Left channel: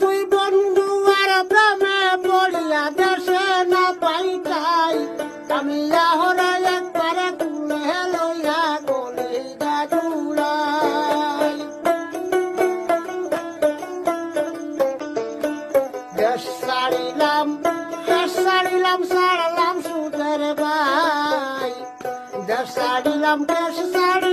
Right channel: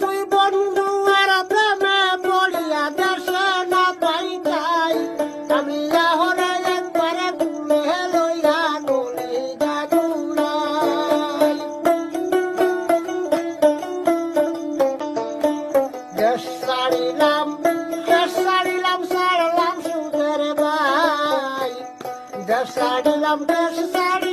তুই বন্ধু আর প্রেমে পড়িয়া দেশে না পাইতাই আমি এখন একবার তুলে লইয়া গলে দাদুরাই দেশ ছাড়িলাম ছাড়লাম সুদের ভাই দেশ ছাড়িলাম দেশ ছাড়